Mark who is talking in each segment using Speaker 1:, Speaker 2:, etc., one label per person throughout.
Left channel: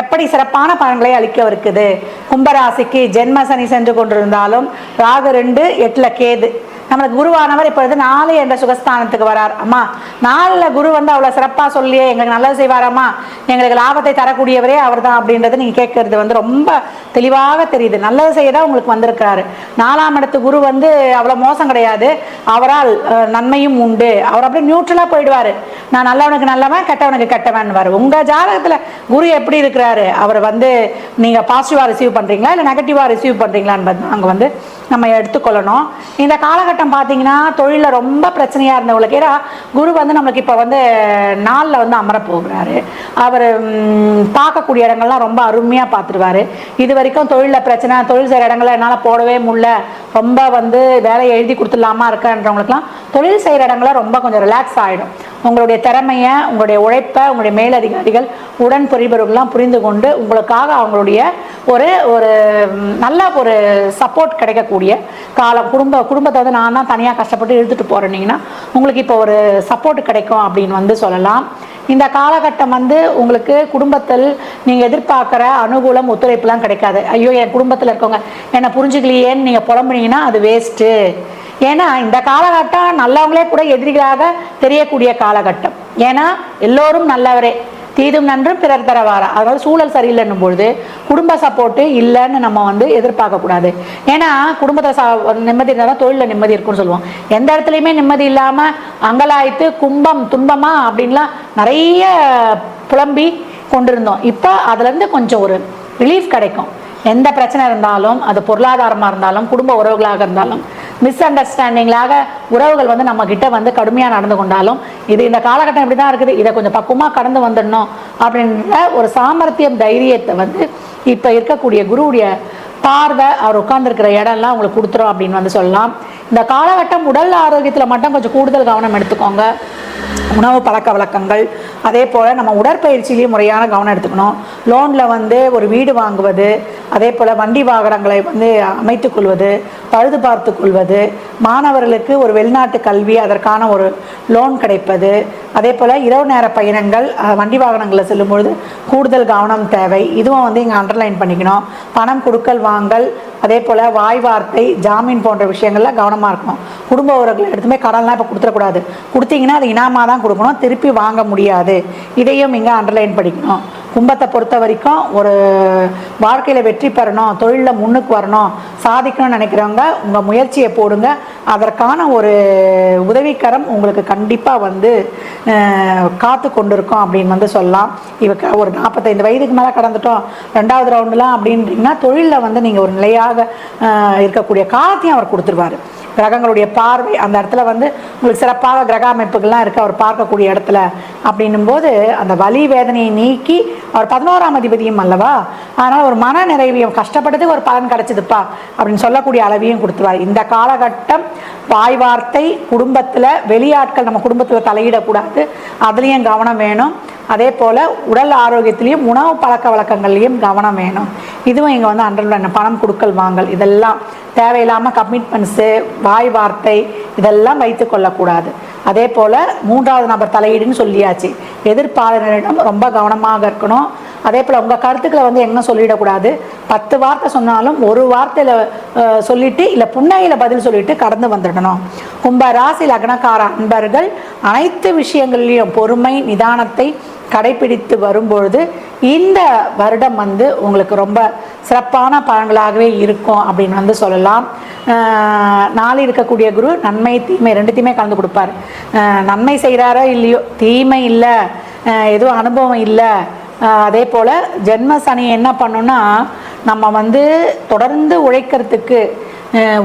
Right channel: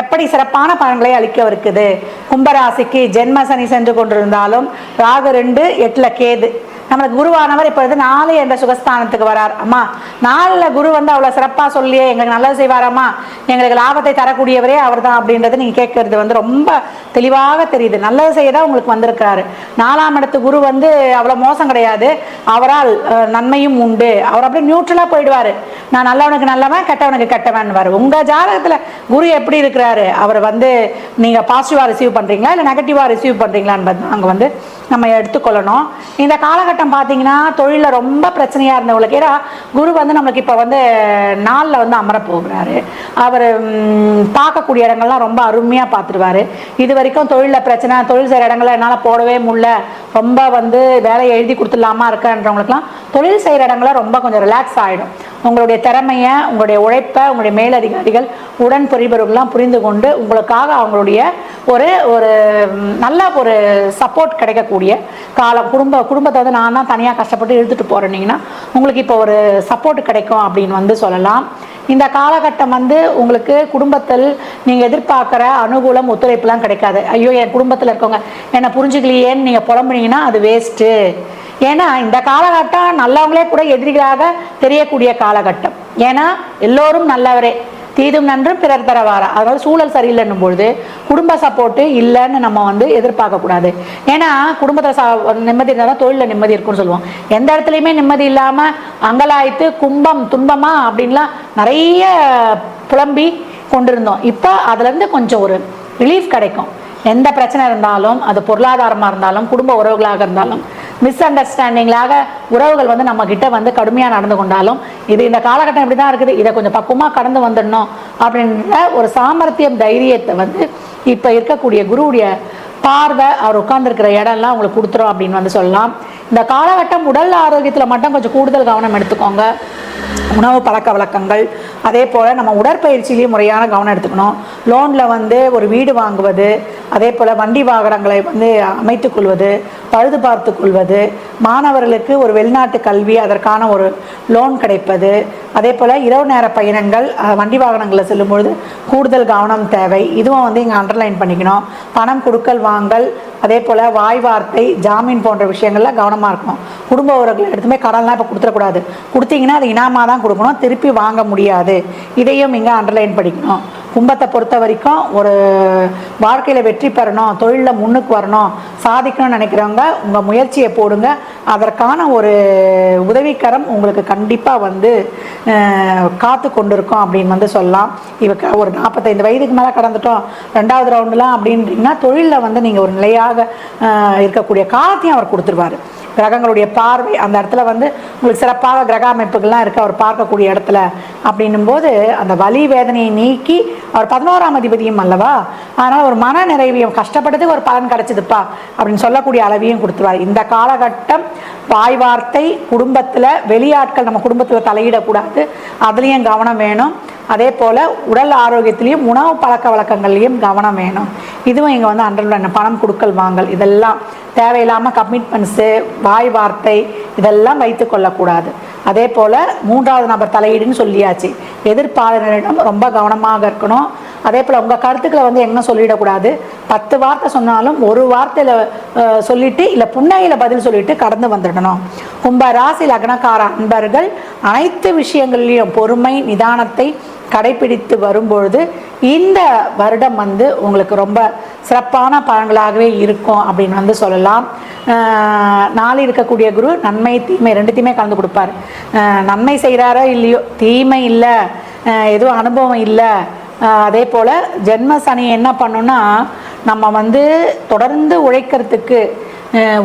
Speaker 1: எப்படி சிறப்பான பலன்களை இருக்குது கும்பராசிக்கு ஜென்ம சனி சென்று கொண்டிருந்தாலும் ராகு ரெண்டு எட்டில் கேது நம்மளுக்கு குருவானவர் இப்பொழுது நாலு என்ற சுகஸ்தானத்துக்கு வரார் அம்மா நாலில் குரு வந்து அவ்வளோ சிறப்பாக சொல்லியே எங்களுக்கு நல்லது செய்வாராம்மா எங்களுக்கு லாபத்தை தரக்கூடியவரே அவர் தான் அப்படின்றது நீங்கள் கேட்கறது வந்து ரொம்ப தெளிவாக தெரியுது நல்லது செய்ய தான் உங்களுக்கு வந்திருக்கிறாரு நாலாம் இடத்து குரு வந்து அவ்வளோ மோசம் கிடையாது அவரால் நன்மையும் உண்டு அவர் அப்படியே நியூட்ரலாக போயிடுவார் நான் நல்லவனுக்கு நல்லவன் கெட்டவனுக்கு கெட்டவன் உங்கள் ஜாதகத்தில் குரு எப்படி இருக்கிற சொல்றாரு அவர் வந்து நீங்கள் பாசிட்டிவா ரிசீவ் பண்றீங்களா இல்லை நெகட்டிவா ரிசீவ் பண்ணுறீங்களான்னு அங்கே வந்து நம்ம எடுத்துக்கொள்ளணும் இந்த காலகட்டம் பார்த்தீங்கன்னா தொழில ரொம்ப பிரச்சனையாக இருந்தவங்களுக்கு ஏன்னா குரு வந்து நம்மளுக்கு இப்போ வந்து நாளில் வந்து அமர போகிறாரு அவர் பார்க்கக்கூடிய இடங்கள்லாம் ரொம்ப அருமையாக பார்த்துருவாரு இது வரைக்கும் தொழிலில் பிரச்சனை தொழில் சில இடங்கள்ல அதனால் போடவே முடியல ரொம்ப வந்து வேலை எழுதி கொடுத்துடலாமா இருக்கன்றவங்களுக்குலாம் தொழில் செய்கிற இடங்கள்லாம் ரொம்ப கொஞ்சம் ரிலாக்ஸ் ஆகிடும் உங்களுடைய திறமையை உங்களுடைய உழைப்பை உங்களுடைய மேலதிகாரிகள் உடன் புரிபவர்கள்லாம் புரிந்து கொண்டு உங்களுக்காக அவங்களுடைய ஒரு ஒரு நல்ல ஒரு சப்போர்ட் கிடைக்கக்கூடிய காலம் குடும்ப குடும்பத்தை வந்து நான் தான் தனியாக கஷ்டப்பட்டு இழுத்துட்டு போகிறேன்னீங்கன்னா உங்களுக்கு இப்போ ஒரு சப்போர்ட் கிடைக்கும் அப்படின்னு வந்து சொல்லலாம் இந்த காலகட்டம் வந்து உங்களுக்கு குடும்பத்தில் நீங்கள் எதிர்பார்க்குற அனுகூலம் ஒத்துழைப்புலாம் கிடைக்காது ஐயோ என் குடும்பத்தில் இருக்கவங்க என்னை புரிஞ்சுக்கலையேன்னு நீங்கள் புலம்புனீங்கன்னா அது வேஸ்ட்டு ஏன்னா இந்த காலகட்டம் நல்லவங்களே கூட எதிரிகளாக தெரியக்கூடிய காலகட்டம் ஏன்னா எல்லோரும் நல்லவரே தீதும் நன்றும் பிறர் தரவாரா அதாவது சூழல் சரியில்லைன்னும் பொழுது குடும்ப சப்போர்ட்டு இல்லைன்னு நம்ம வந்து எதிர்பார்க்கக்கூடாது ஏன்னா குடும்பத்தில் நிம்மதி இருந்தாலும் தொழிலில் நிம்மதி இருக்கும்னு சொல்லுவோம் எந்த இடத்துலையுமே நிம்மதி இல்லாமல் அங்கலாய்த்து கும்பம் துன்பமா அப்படின்லாம் நிறைய புலம்பி கொண்டிருந்தோம் இப்போ அதுலேருந்து கொஞ்சம் ஒரு ரிலீஃப் கிடைக்கும் எந்த பிரச்சனை இருந்தாலும் அது பொருளாதாரமாக இருந்தாலும் குடும்ப உறவுகளாக இருந்தாலும் மிஸ் அண்டர்ஸ்டாண்டிங்லாக உறவுகள் வந்து நம்ம கிட்ட வந்து கடுமையாக நடந்து கொண்டாலும் இது இந்த காலகட்டம் இப்படி தான் இருக்குது இதை கொஞ்சம் பக்குவமாக கடந்து வந்துடணும் அப்படின்ற ஒரு சாமர்த்தியம் தைரியத்தை வந்து இப்போ இருக்கக்கூடிய குருவுடைய பார்வை அவர் உட்காந்துருக்கிற இடம்லாம் உங்களுக்கு கொடுத்துரும் அப்படின்னு வந்து சொல்லலாம் இந்த காலகட்டம் உடல் ஆரோக்கியத்தில் மட்டும் கொஞ்சம் கூடுதல் கவனம் எடுத்துக்கோங்க உணவு பழக்க வழக்கங்கள் அதே போல் நம்ம உடற்பயிற்சியிலையும் முறையான கவனம் எடுத்துக்கணும் லோனில் வந்து ஒரு வீடு வாங்குவது அதே போல் வண்டி வாகனங்களை வந்து அமைத்துக் கொள்வது பழுது பார்த்து கொள்வது மாணவர்களுக்கு ஒரு வெளிநாட்டு கல்வி அதற்கான ஒரு லோன் கிடைப்பது அதே போல் இரவு நேர பயணங்கள் வண்டி வாகனங்களை செல்லும் பொழுது கூடுதல் கவனம் தேவை இதுவும் வந்து இங்கே அண்டர்லைன் பண்ணிக்கணும் பணம் கொடுக்கல் வாங்கல் அதே போல் வாய் வார்த்தை ஜாமீன் போன்ற விஷயங்கள்லாம் கவனமாக இருக்கணும் குடும்ப உறவுகள் எடுத்துமே கடன்லாம் இப்போ கொடுத்துடக்கூடாது கொடுத்தீங்கன்னா அது இனாமாக தான் கொடுக்கணும் திருப்பி வாங்க முடியாது இதையும் இங்கே அண்டர்லைன் படிக்கணும் துன்பத்தை பொறுத்த வரைக்கும் ஒரு வாழ்க்கையில் வெற்றி பெறணும் தொழிலில் முன்னுக்கு வரணும் சாதிக்கணும்னு நினைக்கிறவங்க உங்கள் முயற்சியை போடுங்க அதற்கான ஒரு உதவிக்கரம் உங்களுக்கு கண்டிப்பாக வந்து காத்து கொண்டிருக்கோம் அப்படின்னு வந்து சொல்லலாம் இவக்க ஒரு நாற்பத்தைந்து வயதுக்கு மேலே கடந்துட்டோம் ரெண்டாவது ரவுண்டெலாம் அப்படின்றீங்கன்னா தொழிலில் வந்து நீங்கள் ஒரு நிலையாக இருக்கக்கூடிய காலத்தையும் அவர் கொடுத்துருவார் கிரகங்களுடைய பார்வை அந்த இடத்துல வந்து உங்களுக்கு சிறப்பாக கிரக அமைப்புகள்லாம் இருக்குது அவர் பார்க்கக்கூடிய இடத்துல அப்படின்னும் போது அந்த வலி வேதனையை நீக்கி அவர் பதினோராம் அதிபதியும் அல்லவா ஆனால் ஒரு மன நிறைவையும் கஷ்டப்பட்டதுக்கு ஒரு பலன் கிடைச்சதுப்பா அப்படின்னு சொல்லக்கூடிய அளவையும் கொடுத்துருவார் இந்த காலகட்டம் பாய் வார்த்தை குடும்பத்தில் வெளியாட்கள் நம்ம குடும்பத்தில் தலையிடக்கூடாது அதுலேயும் கவனம் வேணும் அதே போல் உடல் ஆரோக்கியத்திலையும் உணவு பழக்க வழக்கங்கள்லையும் கவனம் வேணும் இதுவும் இங்கே வந்து என்ன பணம் கொடுக்கல் வாங்கல் இதெல்லாம் தேவையில்லாமல் கமிட்மெண்ட்ஸு வாய் வார்த்தை இதெல்லாம் வைத்து கொள்ளக்கூடாது அதே போல் மூன்றாவது நபர் தலையீடுன்னு சொல்லியாச்சு எதிர்ப்பாளரிடம் ரொம்ப கவனமாக இருக்கணும் அதே போல் உங்கள் கருத்துக்களை வந்து என்ன சொல்லிடக்கூடாது பத்து வார்த்தை சொன்னாலும் ஒரு வார்த்தையில் சொல்லிட்டு இல்லை புன்னையில் பதில் சொல்லிட்டு கடந்து வந்துடணும் கும்ப ராசி லக்னக்கார அன்பர்கள் அனைத்து விஷயங்களிலும் பொறுமை நிதானத்தை கடைபிடித்து வரும்பொழுது இந்த வருடம் வந்து உங்களுக்கு ரொம்ப சிறப்பான பழங்களாகவே இருக்கும் அப்படின்னு வந்து சொல்லலாம் நாளை இருக்கக்கூடிய குரு நன்மை தீமை ரெண்டுத்தையுமே கலந்து கொடுப்பார் நன்மை செய்கிறாரோ இல்லையோ தீமை இல்லை எதுவும் அனுபவம் இல்லை அதே போல் ஜென்ம சனி என்ன பண்ணுன்னா நம்ம வந்து தொடர்ந்து உழைக்கிறதுக்கு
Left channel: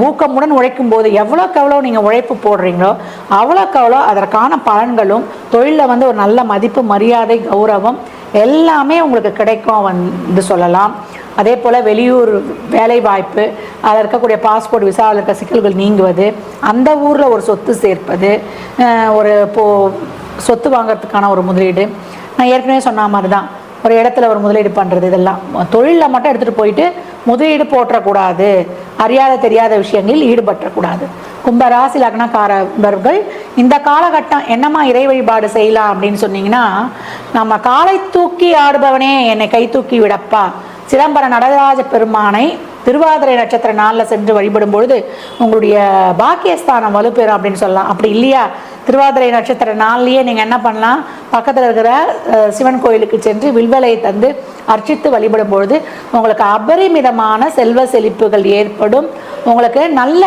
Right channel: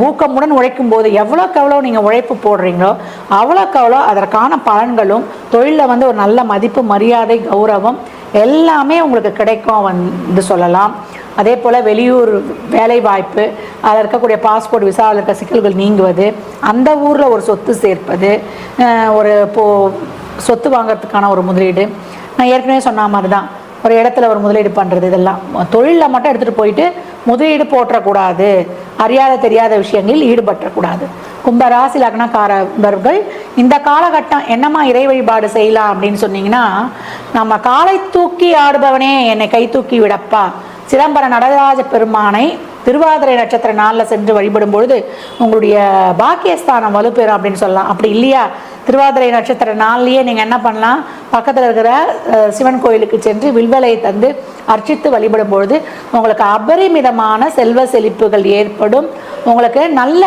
Speaker 1: ஊக்கமுடன் உழைக்கும் போது எவ்வளோக்கு எவ்வளோ நீங்கள் உழைப்பு போடுறீங்களோ அவ்வளோக்கு அவ்வளோ அதற்கான பலன்களும் தொழிலில் வந்து ஒரு நல்ல மதிப்பு மரியாதை கௌரவம் எல்லாமே உங்களுக்கு கிடைக்கும் வந்து சொல்லலாம் அதே போல் வெளியூர் வேலை வாய்ப்பு அதில் இருக்கக்கூடிய பாஸ்போர்ட் விசாவில் இருக்க சிக்கல்கள் நீங்குவது அந்த ஊரில் ஒரு சொத்து சேர்ப்பது ஒரு இப்போது சொத்து வாங்கறதுக்கான ஒரு முதலீடு நான் ஏற்கனவே சொன்ன மாதிரி தான் ஒரு இடத்துல ஒரு முதலீடு பண்ணுறது இதெல்லாம் தொழிலில் மட்டும் எடுத்துகிட்டு போயிட்டு முதலீடு போற்றக்கூடாது அறியாத தெரியாத விஷயங்களில் ஈடுபட்டக்கூடாது கும்ப ராசி லக்னக்காரர்கள் இந்த காலகட்டம் என்னம்மா இறை வழிபாடு செய்யலாம் அப்படின்னு சொன்னீங்கன்னா நம்ம காலை தூக்கி ஆடுபவனே என்னை கை தூக்கி விடப்பா சிதம்பர நடராஜ பெருமானை திருவாதிரை நட்சத்திர நாளில் சென்று வழிபடும் பொழுது உங்களுடைய பாக்கியஸ்தானம் வலுப்பெறும் அப்படின்னு சொல்லலாம் அப்படி இல்லையா திருவாதிரை நட்சத்திர நாள்லேயே நீங்கள் என்ன பண்ணலாம் பக்கத்தில் இருக்கிற சிவன் கோயிலுக்கு சென்று வில்வலையை தந்து அர்ச்சித்து வழிபடும் பொழுது உங்களுக்கு அபரிமிதமான செல்வ செழிப்புகள் ஏற்படும் உங்களுக்கு நல்ல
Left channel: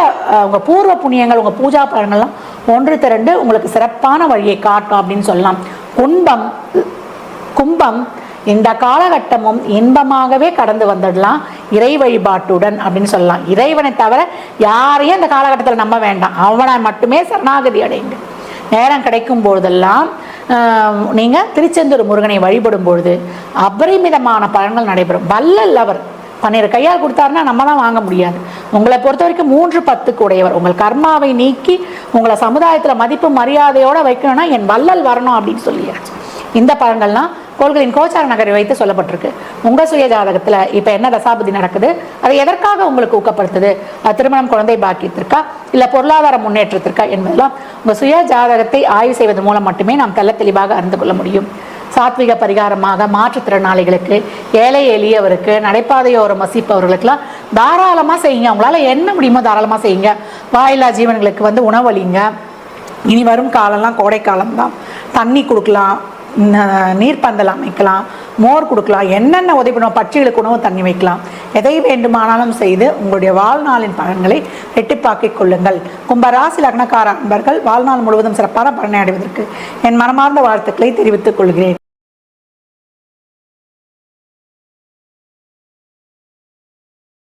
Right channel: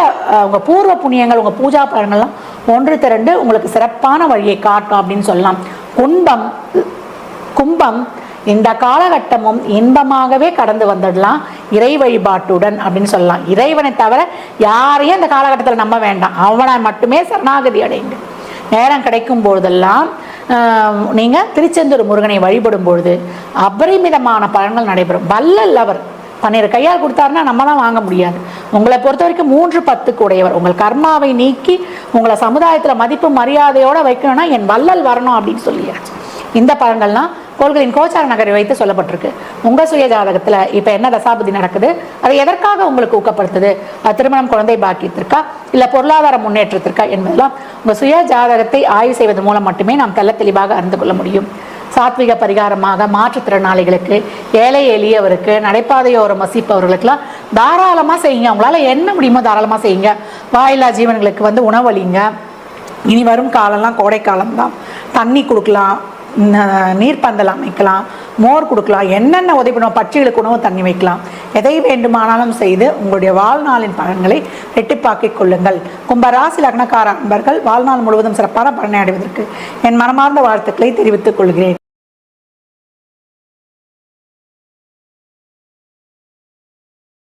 Speaker 1: உங்கள் பூர்வ புண்ணியங்கள் உங்கள் பூஜா பலன்கள்லாம் ஒன்று திரண்டு உங்களுக்கு சிறப்பான வழியை காட்டும் அப்படின்னு சொல்லலாம் கும்பம் கும்பம் இந்த காலகட்டமும் இன்பமாகவே கடந்து வந்துடலாம் இறை வழிபாட்டுடன் அப்படின்னு சொல்லலாம் இறைவனை தவிர யாரையும் இந்த காலகட்டத்தில் நம்ப வேண்டாம் அவனை மட்டுமே சரணாகதி அடைந்து நேரம் கிடைக்கும் போதெல்லாம் நீங்கள் திருச்செந்தூர் முருகனை வழிபடும் பொழுது அபரிமிதமான பலன்கள் நடைபெறும் வல்லல் அவர் பன்னிரு கையால் கொடுத்தாருன்னா தான் வாங்க முடியாது உங்களை பொறுத்த வரைக்கும் மூன்று பத்துக்கு உடையவர் உங்கள் கர்மாவை நீக்கி உங்களை சமுதாயத்தில் மதிப்பு மரியாதையோடு வைக்கணும்னா என் வள்ளல் வரணும் அப்படின்னு சொல்லியாச்சு இந்த பழங்கள்லாம் கோள்களின் கோச்சார நகரை வைத்து சொல்லப்பட்டிருக்கு உங்கள் சுய ஜாதகத்துல இப்போ என்ன தசாபதி நடக்குது அது எதற்காக உங்களுக்கு ஊக்கப்படுத்துது திருமணம் குழந்தை பாக்கியத்திற்கா இல்லை பொருளாதார முன்னேற்றத்திற்கா என்பதெல்லாம் உங்கள் சுய ஜாதகத்தை ஆய்வு செய்வது மூலம் மட்டுமே நாம் தெல்ல தெளிவாக அறிந்து கொள்ள முடியும் சாத்விக பரிகாரமாக மாற்றுத்திறனாளிகளுக்கு வேலை எளியவருக்கு நடைபாதையோரம் வசிப்பவர்களுக்கெல்லாம் தாராளமாக செய்யுங்க உங்களால் என்ன முடியுமோ தாராளமாக செய்யுங்க வாழையில்லா ஜீவன்களுக்கு வந்து உணவு அளிங்க இனி வரும் காலமும் கோடைக்கலாம் தண்ணி கொடுக்கலாம் இந்த நீர் பந்தலாம் வைக்கலாம் மோர் கொடுக்கலாம் என்னென்ன உதவி பண்ணுவோம் பட்சிகளுக்கு உணவு தண்ணி வைக்கலாம் எதை வேண்டுமானாலும் செய்து உங்களுடைய வாழ்நாளின் பலன்களை எட்டிப்பாக்கிக் கொள்ளுங்கள் கும்பராசி லக்னக்காரர்கள் வாழ்நாள் முழுவதும் சிறப்பான பலனை அடைவதற்கு என் மனமார்ந்த வாழ்த்துக்களை தெரிவித்துக் கொள்கிறேன்